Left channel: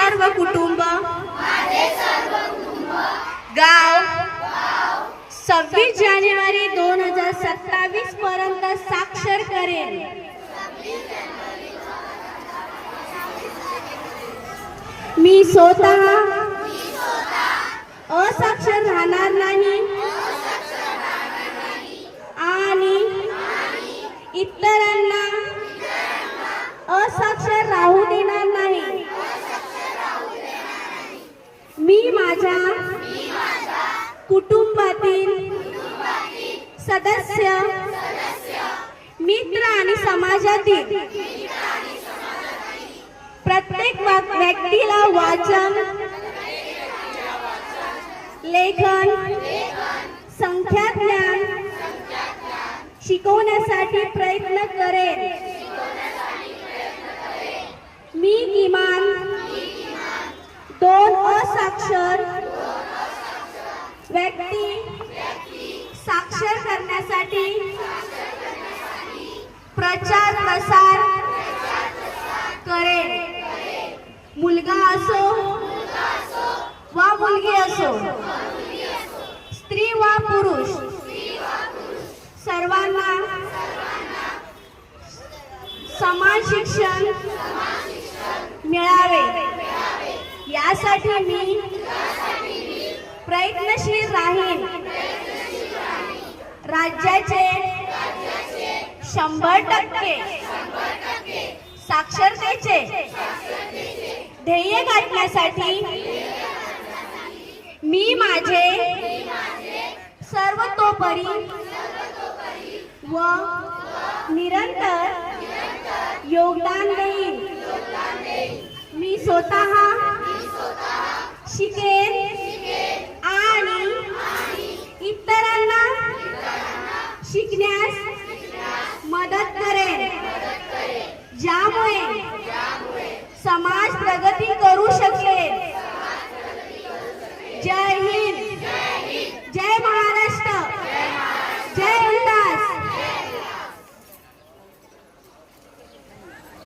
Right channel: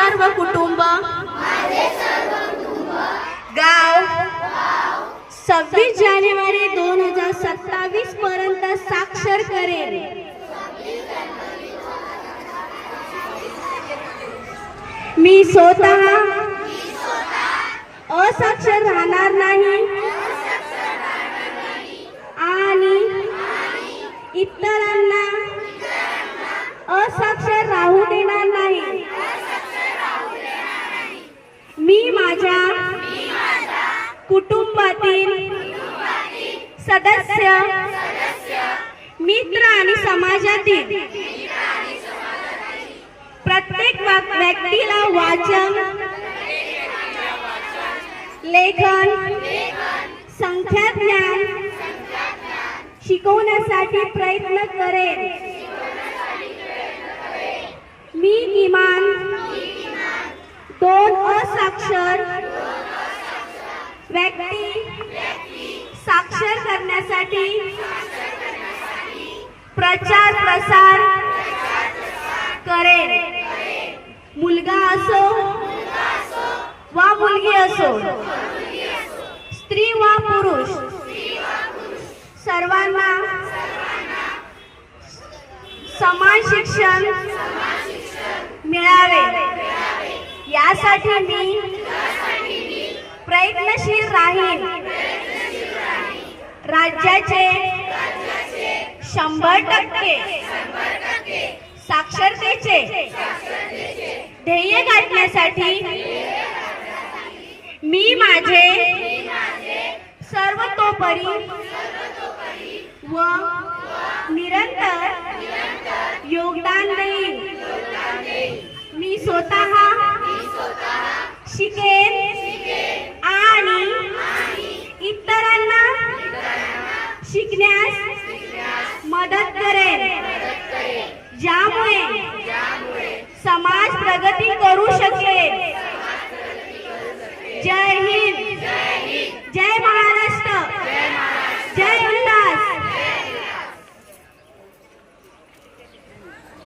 सर्व कुटुंब गाव 26 जानेवारी 2027 पर्यंत साक्षर करेल। मी स्वतः असाक्षर राहणार नाही आणि इतरांना असाक्षर राहू देणार नाही। मी माझ्या कुटुंबातील सदस्य, मित्र आणि समाजातील प्रत्येक व्यक्तीला वाचन, लेखन, संख्याज्ञान शिकवण्यासाठी प्रयत्न करेन। मी किमान 2 असाक्षर व्यक्ती साक्षर करण्यासाठी प्रचार प्रसार करेन। मुलगा असो वा मुलगी असो, स्त्री वा पुरुष, सर्वांना समान शिक्षण मिळावे यासाठी मी प्रयत्नशील राहीन। राज्याचे 100% साक्षरतेचे ध्येय गाठण्यासाठी मी माझे सर्वतोपरी व निरंतर योगदान देईन। मी स्वतः शिकेन आणि इतरांना शिकण्यास मदत करेन, ज्यामुळे समाज प्रगती करू शकेल।